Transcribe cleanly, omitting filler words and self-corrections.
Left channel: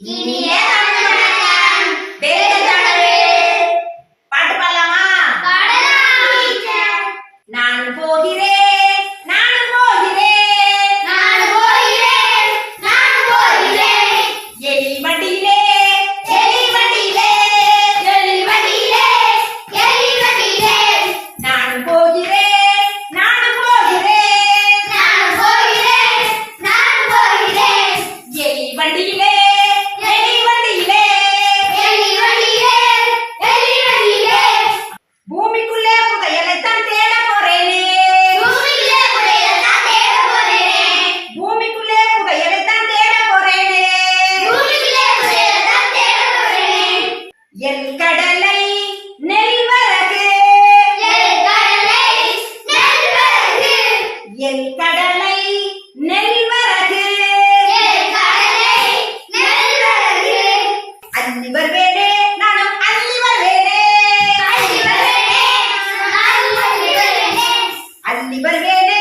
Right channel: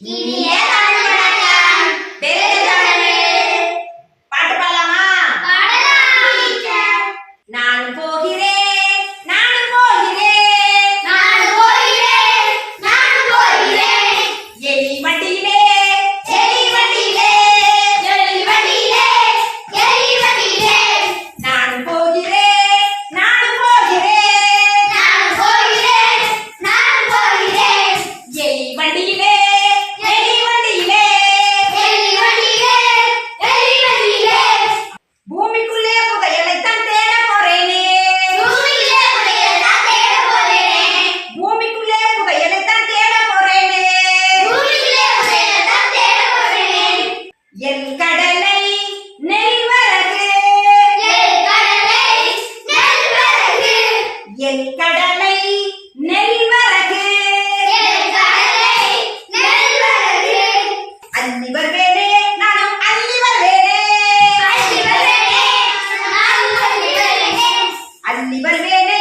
இனிய தமிழ் வணக்கம். வெல்க தமிழே. பாட்டு பாடலாமா? பாடலாம் டீச்சர். நானும் போகிறேன், நானும் போகிறேன், நானும் போகிறேன், நானும் போகிறேன். எலி வண்டியிலே, எலி வண்டியிலே, எலி வண்டியிலே, எலி வண்டியிலே. நானும் போகிறேன், நானும் போகிறேன், நானும் போகிறேன், நானும் போகிறேன். எலி வண்டியிலே, எலி வண்டியிலே. எலி வண்டியிலே, எலி வண்டியிலே. பூமிக்குள்ளே புதையலைத்தான் தேட போறேனே, பூமியிலே புதையலைத்தான் தேட போறேனே. பூமிக்குள்ளே புதையலைத்தான் தேட போறேனே. பூமியிலே புதையலைத்தான் தேட போறேனே. என் கடலை நெல்வரகு, என் கடலை நெல்வரகு, என் கடலை நெல்வரகு. என் கடலை நெல்வரகு. அள்ளி வருவேனே, நானும் அள்ளி வருவேனே, அள்ளி வருவேனே, நான் அள்ளி வருவேனே. அள்ளி வருவேனே,